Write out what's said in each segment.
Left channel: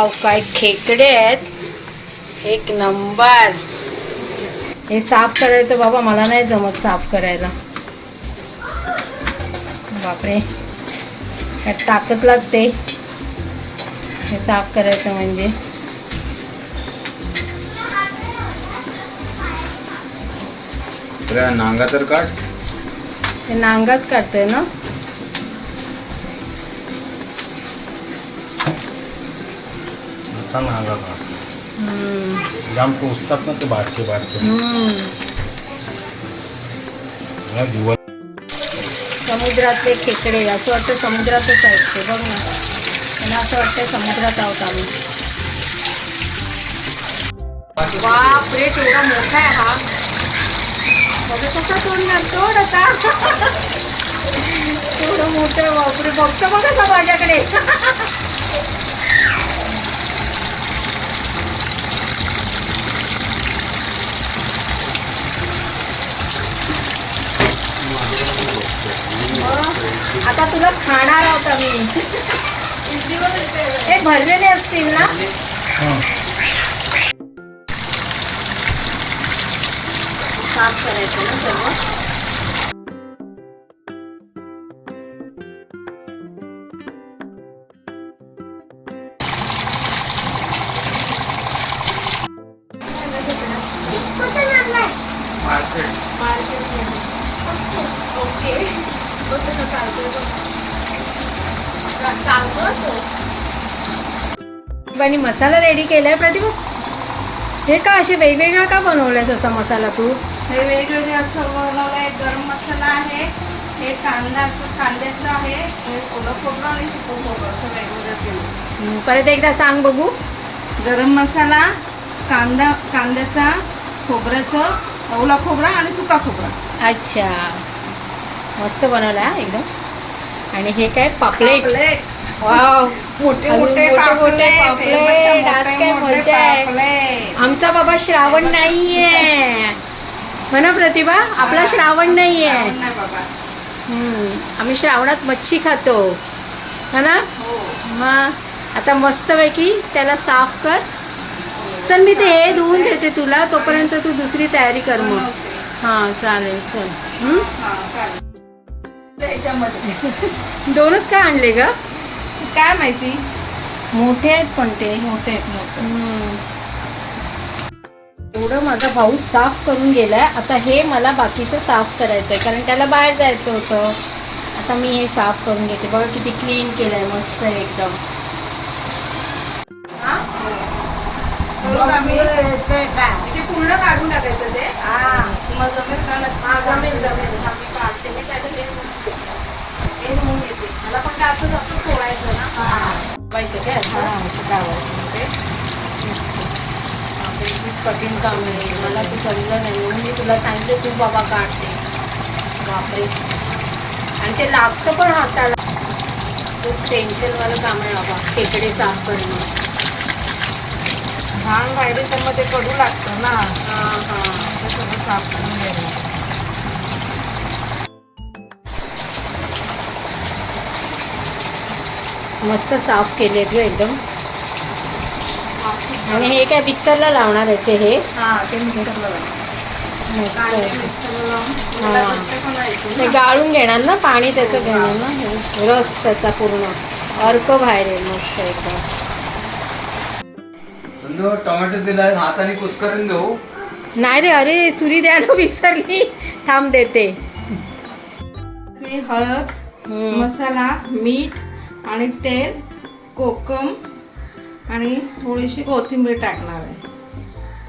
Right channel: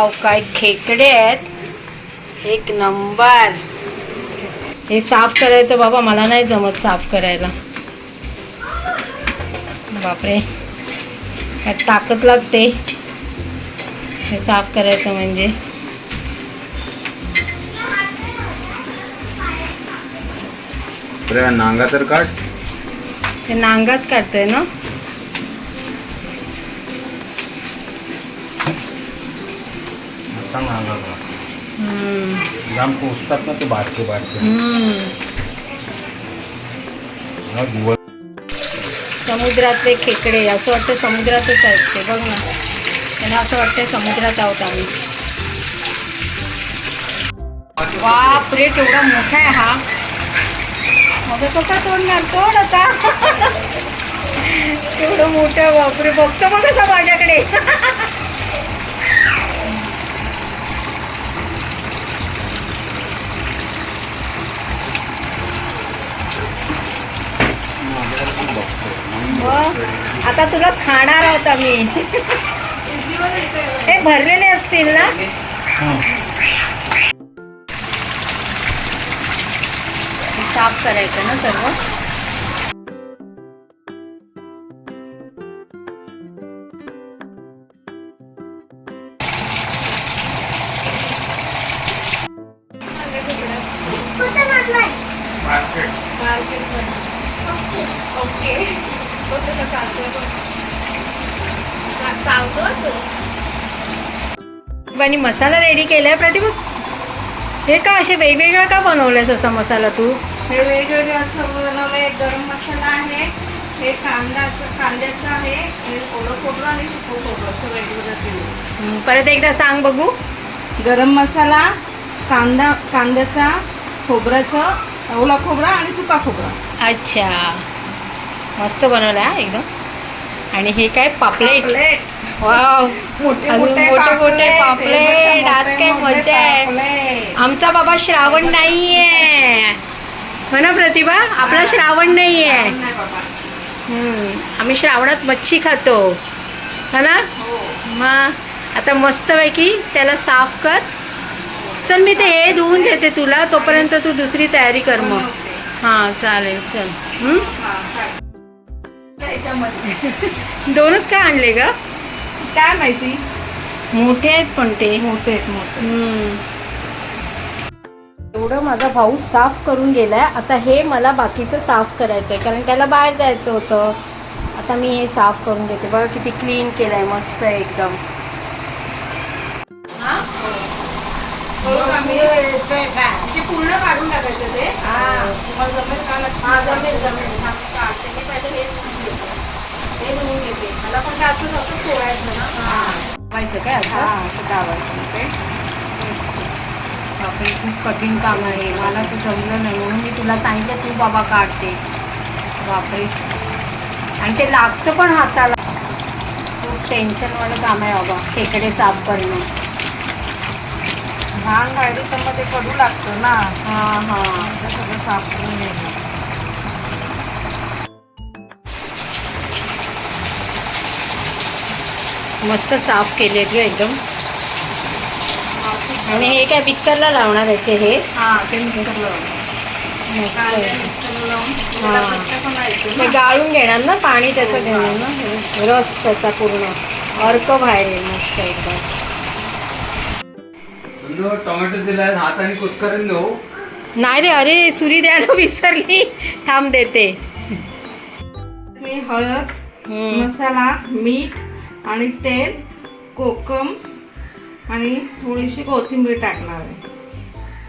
Wow, काय खेकडे आहेत, एक नंबर. हे साफ करायचं बाबा, मला नाही जमत साफ करायला. बापरे, काय ताकद लागते हे साफ करायचं म्हणजे. नांगा तर काढ. हे नांगाच काढतोय ना. जाम पोचतात ना ते बारके बारके. समुद्रातले खेकडे, असं वाटतं समुद्रातच आहेत ते. बघ ना, त्यांना असं वाटतंय समुद्रात आहोत आम्ही. बापरे, केवढा मोठा आहे हा. बघा कसा तोंड घालतो आता. केवढं मोठं आहे, बापरे. बघतो बघ कसा माझ्याकडे. आता तुला खाणार आहोत आम्ही. ते भरलेले असतील ना. साफ करायचं ना सर्व. आणि मसाला रेडी केलाय प्रतिभा. हे का असे वेगवेगळा का बनवलायस असा मसाला तू? हे वेगवेगळे असं बनवलंय. गरम मसाला आहे, हे कांद्याचं आहे, हे ओलं खोबरं आणि सुकं खोबरं असं वेगवेगळं केलं. परत एकदा सांग बघू. गरम मसाला, कांद्याचा, खोबऱ्याचं, ओला खोबरा आणि सुका खोबरा. अच्छा, मस्त बनवला हा एकदम. आणि हे काय पापलेट. वाव, मोठे मोठे पापलेट. आज काय मजा आहे. आमचा बाबा श्रावण नाहीये म्हणा प्रतिभा, आपला श्रावण नाहीये. आम्ही श्रावणात मच्छी खातो है ना. मग आता मस्तपैकी त्याला साफ कर. चल मी ते हे धुवून देते तुला, तोपर्यंत तू दुसरी तयारी कर मग. हां चालेल, चल. दोनच का आणले ग? काय माहिती, मोठे आहेत पण ते. मोठे एवढं माझा भाऊ साफ करून गेलाय. आता हे मला बाकीचं साफ करायचं आहे, कारण त्याला बाहेर जायचं होतं. आता मी हे साफ करून घेते. बघा किती क्लीन केलंय, मस्त आहे एकदम. पूर्ण काढून टाकायचं ते. हे धुवून घेते. मला पण काय असं सोडायचं ना. काय असं दाबायचं ते. खूप कठीण काम आहे, मला तू जमलं नाही म्हणून मी तुला सांगितलं तू बाबा काढते. बापरे, आणि ते लागतं पण हाताला. खूप टेन्शनवालं काम आहे बाबा खेकडे साफ करणं. भांग बाहेर तर मग ते कडू लागतं ना. हां सगळं साफ करून घ्यायला. मस्त साफ केले ग एकदम. आणि हे काय मिक्सरला लावणार याचे हे. ते मिक्सरला मस्त आहे. ते गाळून घेणार ना, पाणी त्याचं घेणार ना, रस त्याचा पूर्ण अर्क बाहेर येईल. मस्त एकदम. टोमॅटो दिलाय, हाताने कुस्करून घेऊ. नाही रे, अरे सुरी द्यायला विसरली. थांब देते. मी हळद, मसाला, मीठ आणि तेल, कोकम आणि थोडीशी कोथिंबीर टाकणार आहे.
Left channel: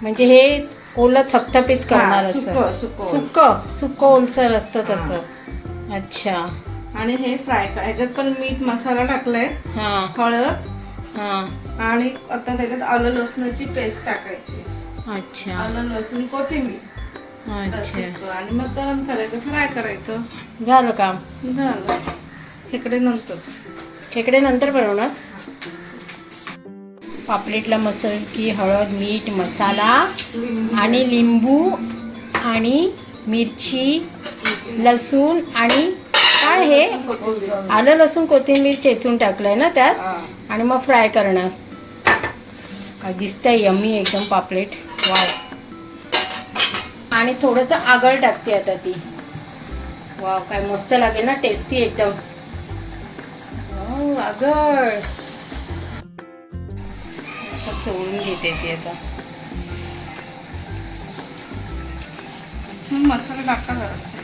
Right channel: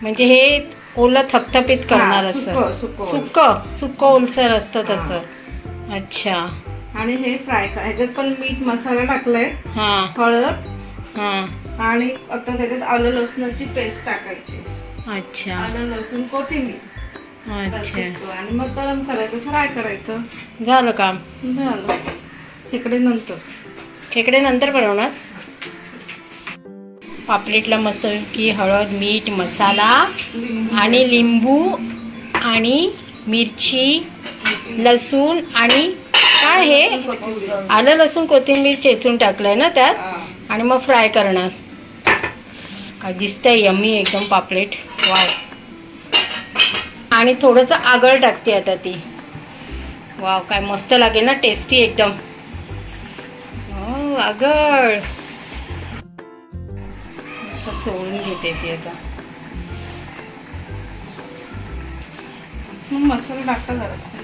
म्हणजे हे ओलं थपथपीत करणार असं. सुक्क ओलसर असतं तसं. अच्छा. आणि हे फ्राय कर. ह्याच्यात पण मीठ मसाला टाकलाय, हळद, आणि आता त्याच्यात आलं लसणाची पेस्ट टाकायची. अच्छा. आलं लसूण कोथिंबीर. अच्छा. आणि मग गरम करायचं, फ्राय करायचं. झालं काम. झालं. खेकडे नंतर बनवणार. पापलेटला मस्त की हळद, मीठ, मसाला आणि लिंबू आणि मिरची, लसूण आणि काय हे आलं लसूण कोथिंबीर चेचून टाकलंय ना त्यात. आणि मग फ्राय करणार. काय दिसतंय यम्मी एकदम पापलेट. वाव. आणि थोडंसं आगळ टाकते आता ती. वाव काय मस्त लागेल ना, टेस्टी एकदम. आगळ मस्त चोळून घेते ती आता. मसाला टाका जरासा.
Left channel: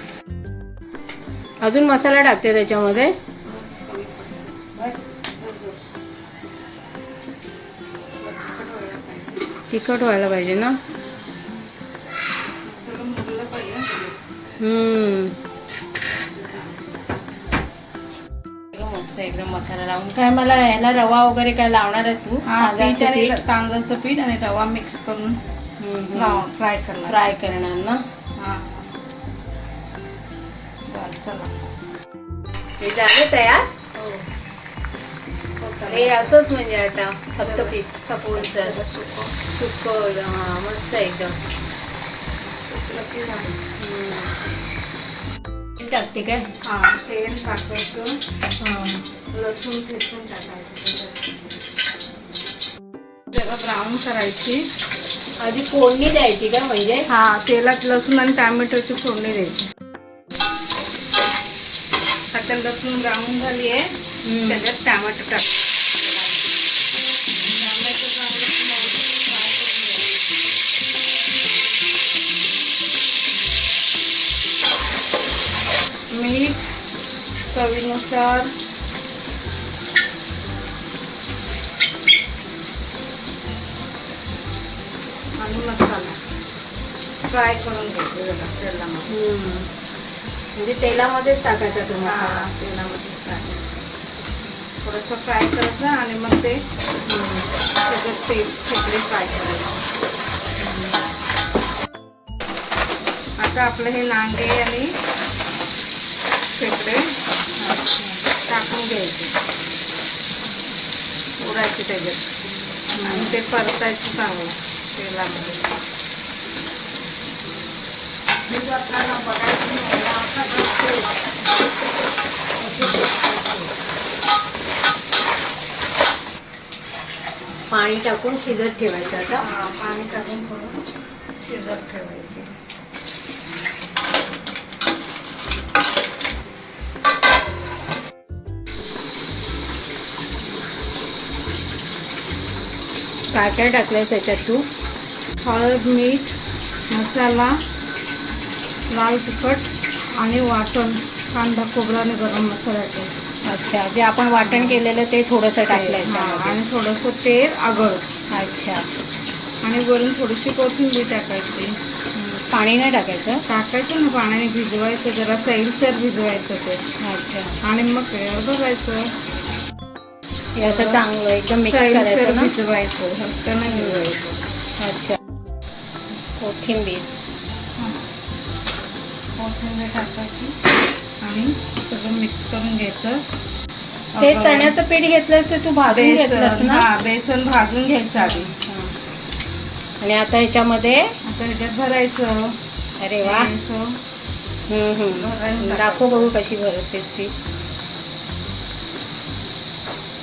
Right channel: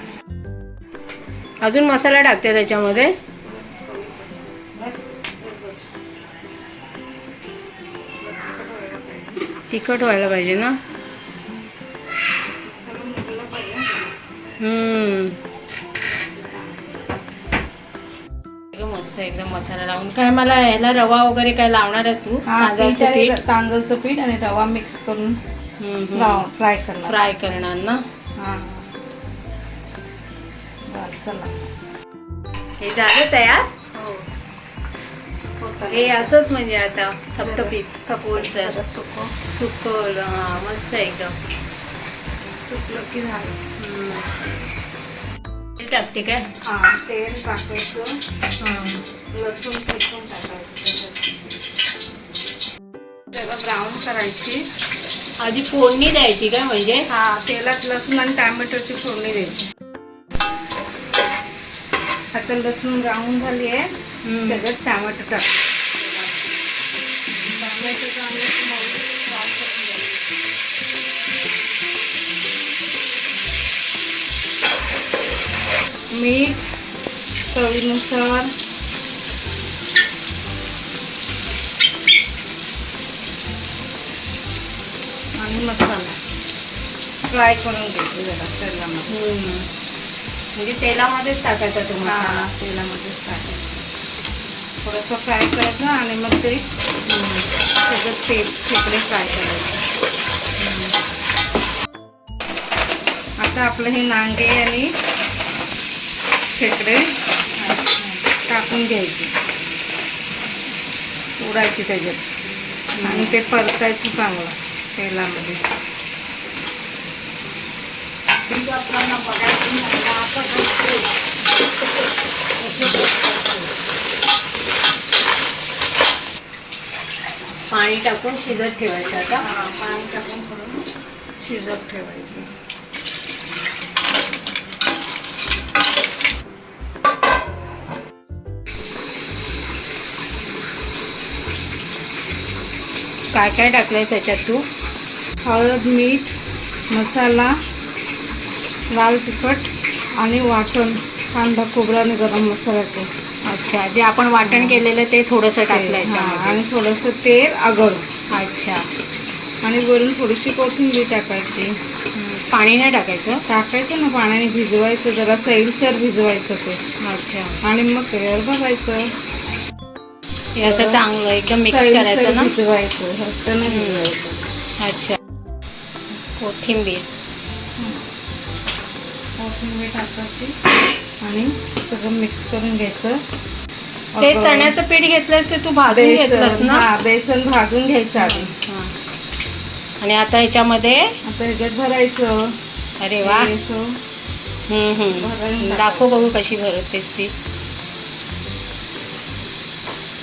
अजून मसाला टाकते त्याच्यामध्ये. तिखट व्हायला पाहिजे ना. मस्त एकदम मसाला लावून. काय मला ह्याला रवा वगैरे काय लावणारच तू? तांदळाचं पीठ, तांदळाचं पीठ आणि रवा मिक्स करून फ्राय करणार. फ्राय करणार ना. चला हे झालं तयार. हे असंच म्हणजे आता थपथपीत चपोळचं सुकवलं. हा मस्त एकदम. टाकते काय? तेल टाकायचं. लसूण ठेचून टाकायचं. त्याला ब्राऊन करायची. आधी फोडणी द्यायची काय म्हणजे? तेलात लसूण आणि टॅमॅटोची फोडणी द्यायची. आता लसूण ब्राऊन झाली आहे. त्याच्यात टॅमॅटो टाक. मीठ चवीनुसार. आणि मसाला फ्राय करून घ्यायचं जरा तेलामध्ये. म्हणजे तेलामध्येच टाकायचा तो मसाला. तेलामध्येच टाकायचं. थोडंसं फ्राय करायचं आणि मग ते सगळं खेकडे फ्राय करायचे. आता आपलं हे नांगे आणि खेकडे टाकून घ्यायचे. उडायचे त्याच्यात आणि ते परतायचं चांगलं तेलामध्ये. पाणी टाकून शिजत ठेवायचं. आता पाणी टाकून थोडं शिजत ठेवायचे. काय काय टाकलंयस याच्यात तू? हळद, मीठ, मसाला, लाल तिखट आणि वाटण. कांदा, खोबरा आणि गरम मसाला. अच्छा, जे आपण वाटण केलेलं ते थोडंसं टाकलं याच्यामध्ये. आणि थोडंसं तेल, आगळ. अच्छा. आणि वरून थोडीशी कोथिंबीर टाकायची. पाणी नाही टाकायचं? टाकायचं ना, पाण्याने भिजवायचं. जरा सैलसर भिजवायचं ते. अच्छा. आणि मग तेल भरायचं. हे असं चांगलं एकदम मिक्स करायचं ना. भिजवायचं. भिजवायचं. अच्छा. कोथिंबीर टाकायची आणि सगळं मिक्स करून घ्यायचं. ते चण्याचं पीठ घेतलंस ते तू भाजून घेतलंस ना? बेसन भाजून घ्यायचं आधी. आणि आता ह्याच्यामध्ये ह्याच्यात भरायचं. अरे वा. दाखव बघू कशी भरतेस ती.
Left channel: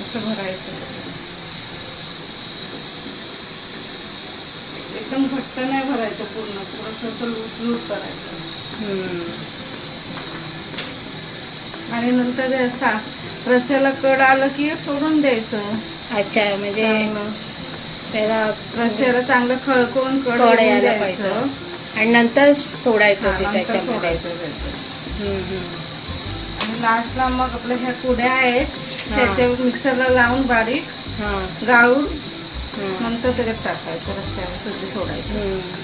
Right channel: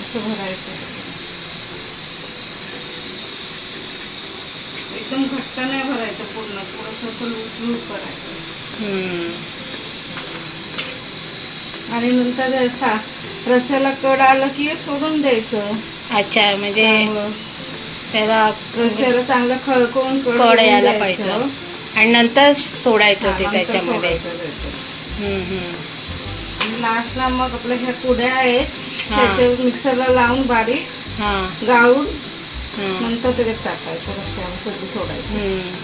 असं भरायचं. एकदम घट्ट नाही भरायचं पूर्ण. थोडंसं असं लूट करायचं. आणि नंतर रस्याला कड आलं की सोडून द्यायचं. अच्छा, म्हणजे त्याला रस्याला चांगलं खळकून कड यायला पाहिजे आणि नंतर सोडायचं ते त्याच्यामध्ये. आणि लास्टला मग आपल्या ह्या कुड्या आहेत त्याच्यावर मिक्सरला लावून बारीक गाळून नंतर त्याच्यात टाकायचं. रस्त्यावर सगळं सोडायचं.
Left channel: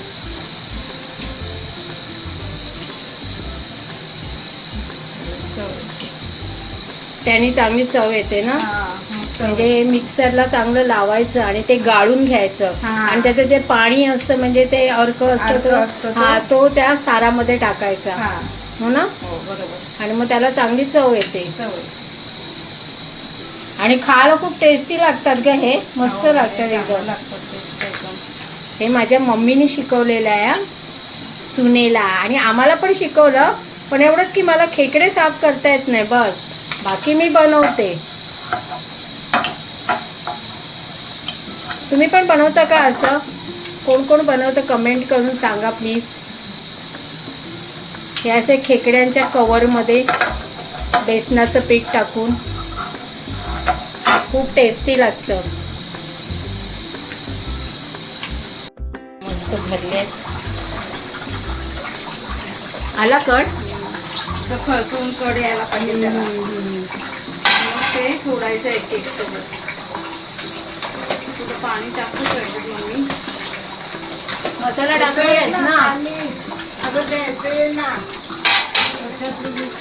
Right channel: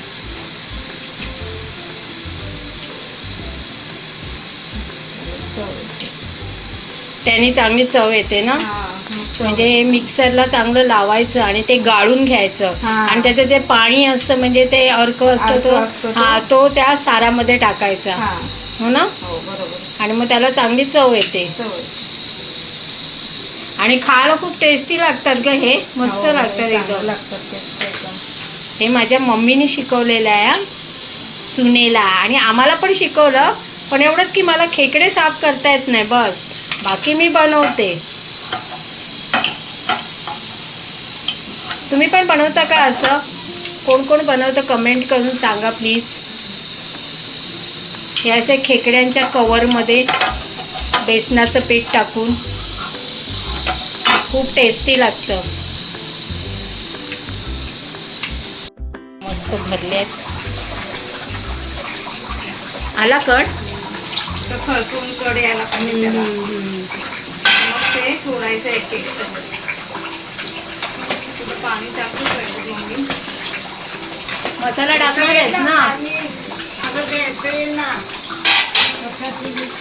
त्याने चांगली चव येते ना. म्हणजे मिक्सरला चांगलं लावायचं आणि ते गाळून घ्यायचं. आणि त्याचं जे पाणी असतं म्हणजे ते अर्क असतं तो त्या सारामध्ये टाकायचा. हो ना. आणि मग त्याला चांगली चव येते. आणि खायला खूप टेस्टी लागतात ग हे. मस्त लागतात एकदम. हे माझ्या मम्मीने शिकवलेलं आहे सुनेला. आणि आम्हाला पण शिकवलं. पण एवढंच की मला खेकडे साफ करता येत नाही बस. बाकी मी बनवते. तुम्ही पण बनवता का असं? कोण कोण बनवतं कमेंट करून सांगा प्लीज. हे असे खेकड्यांच्या कवरमध्ये बेसनाचं पीठ टाकून खूप टेस्टी लागतं. मस्त भरले आहेत. आला कट तर खळखळून कड यायला पाहिजे त्याला. मग ते सोडायचं एक एक सगळं. थोडं पाणी टाकू पाहिजे मम्मी. मसाला टाकलेस ना.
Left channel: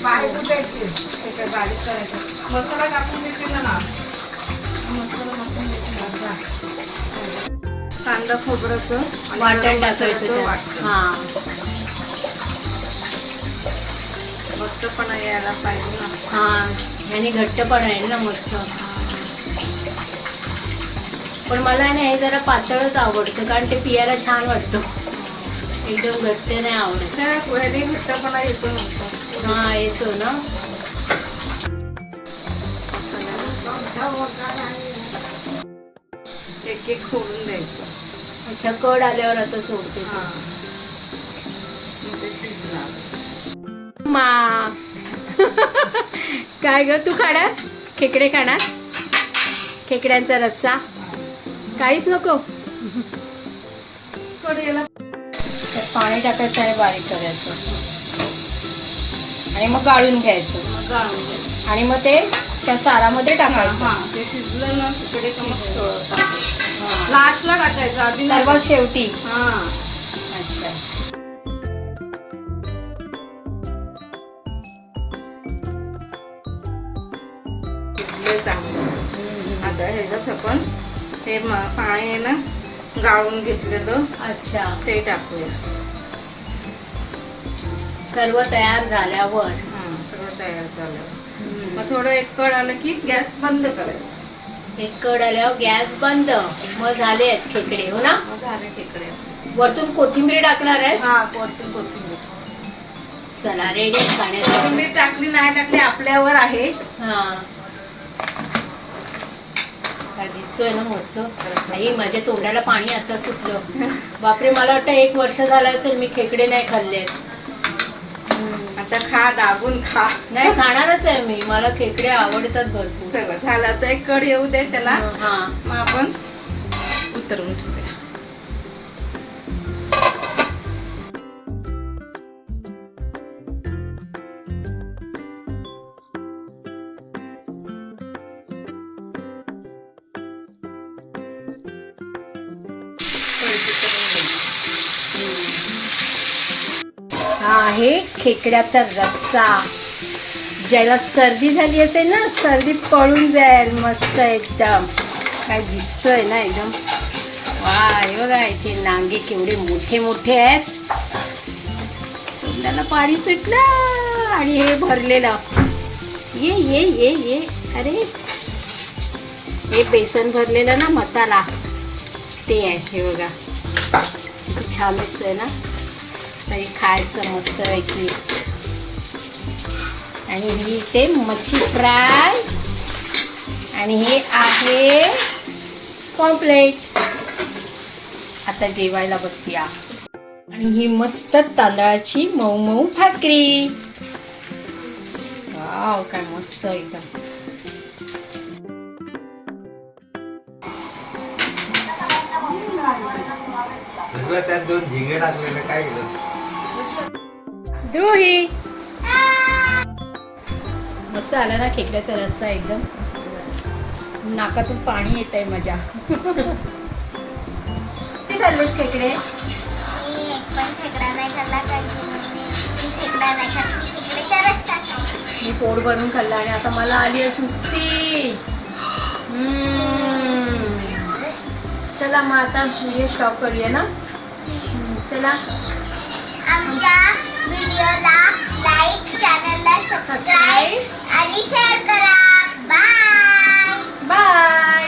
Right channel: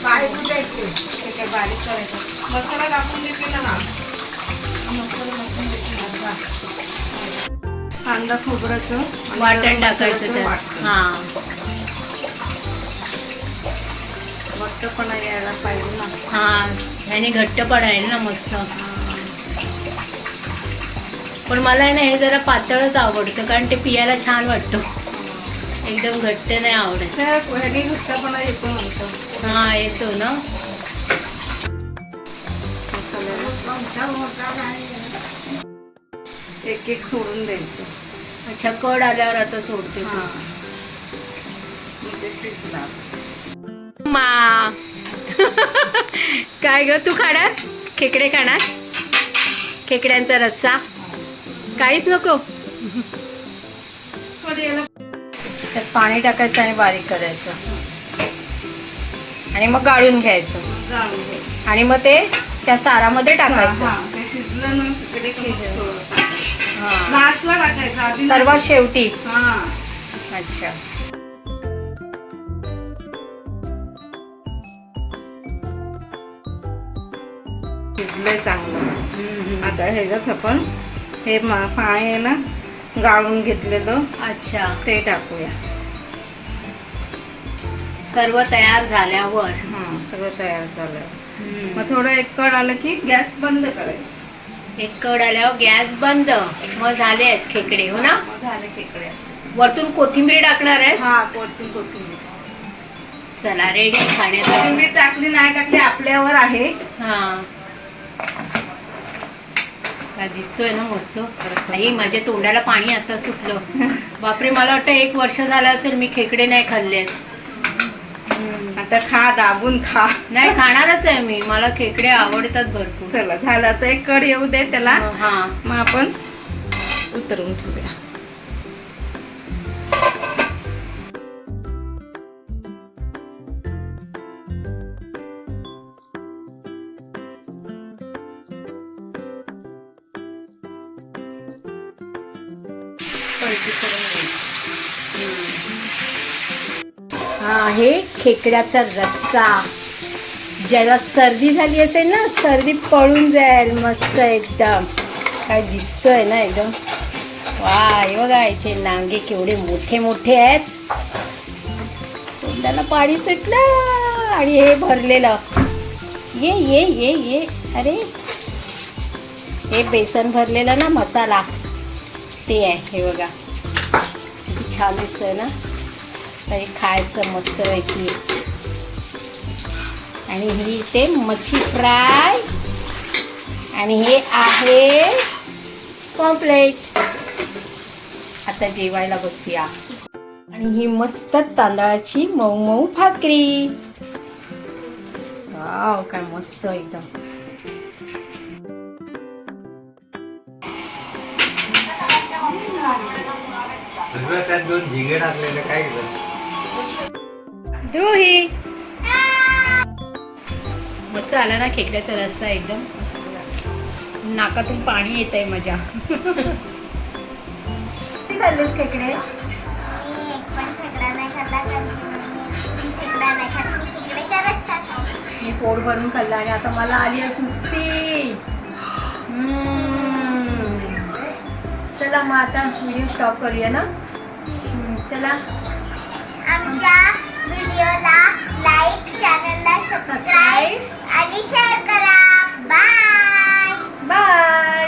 बारीक करायचं. मसाला टाकून देते ना. कांदा खोबऱ्याचं वाटण टाकायचं त्यात. वाटण. हां घट्टपणा यायला पाहिजे ना. हां ह्याने घट्टपणा आहे ना मस्त. पण मला आहे ना हे जरा पातळच आवडतं कारण ते पियाला छान वाटतं. एकदम घट्ट नाही आवडत. ह्यानी घट्टपणा येतो नंतर. हां येतो ना. एक एक सोडून द्यायचं. अच्छा कड आल्यावर आता सोडते हा. मग ते शिजला. मा काय ग तू खाणार? खेकडे खाणार? खेकड्यांचा रस्सा काहीच नको. याला त्यात पाणी टाकायचं आणि बारीक करायचं आणि मग गाळून घ्यायचं गाळून घ्यायचं. आणि मग ते त्या सारामध्ये टाकायचं. हा, ते शिजलं ना तिकडे हां. लास्टला टाकायचं आधी सर्वात शेवटी. हा. अच्छा शिजलंय चांगलं. आता ह्याच्यात आपण हे पाणी आहे ना गाळून घेतलेलं अच्छा ते टाकूया. सर्व तयार झाल्यावर सगळं तयार झालं. मग थोडं एक कड आलं की गॅस बंद करायचं. एक कड आल्यावर गॅस बंद. मग झाले आहेत खेकडे हो ना. मग झाले खेकडे. वरतून कोथिंबीर टाकणार आहेस? हा कोथिंबीर. चला रेडी खाण्यासाठी. कोथिंबीर टाकली नाही टाकली आपल्यावर आहे. हा काय दिसतोय ना मस्त. आई माझ्या तोंडाला पाणी आता सुटलं. बापरे मला वाटतं 1 वर्ष झालं असेल मी खेकडे नाही खाल्लेत. आता खा दाबून खा. नाही खाणारच आहे मी. मला खेकडे आवडतात भरपूर. चला झालं तर एक कड येऊ दे त्याला. हा मग आपण उतरवू द्या. हा आहे खेकड्याचा रस्सा. ज्याला सर्दी झाली असेल ना सर्दी पळून जाईल मस्त एकदम. काय दिसतोय ना एकदम. वा हे बघा याचे नांगे केवढे मोठे मोठे आहेत. तोंडाला पाणी सुटलं आणि हे भरलेलं. ये ये ये ये अरे हे बेसन भरलेलं ना मसाला ते आहे. हे बघा किती छान दिसतंय ना. तरी खायचं मस्त पैकी. आणि ही ते मच्छी फ्राय आणि हे आहे पॉम्पलेट. आता जेवायला बसूया. आणि ही मस्त तांदळाची मऊ मऊ भाकरी. वाव काय मस्त एकदम. त्यात 2 झिंगे टाकलेले काय केलं? द्रोही मस्त आला ना खेकड्याचा रस्सा एकदम. नाकातून पाणी येत आहे माझ्या. किती खाल्लेस खेकडे? मी पोट भरून खाल्ला आणि आता मला आली आहे सुस्ती. चला मग आता व्हिडिओ स्टॉप करूया ना. चला आमच्या व्हिडिओला लाईक, चॅनलला सबस्क्राईब आणि शेअर करा. Bye bye.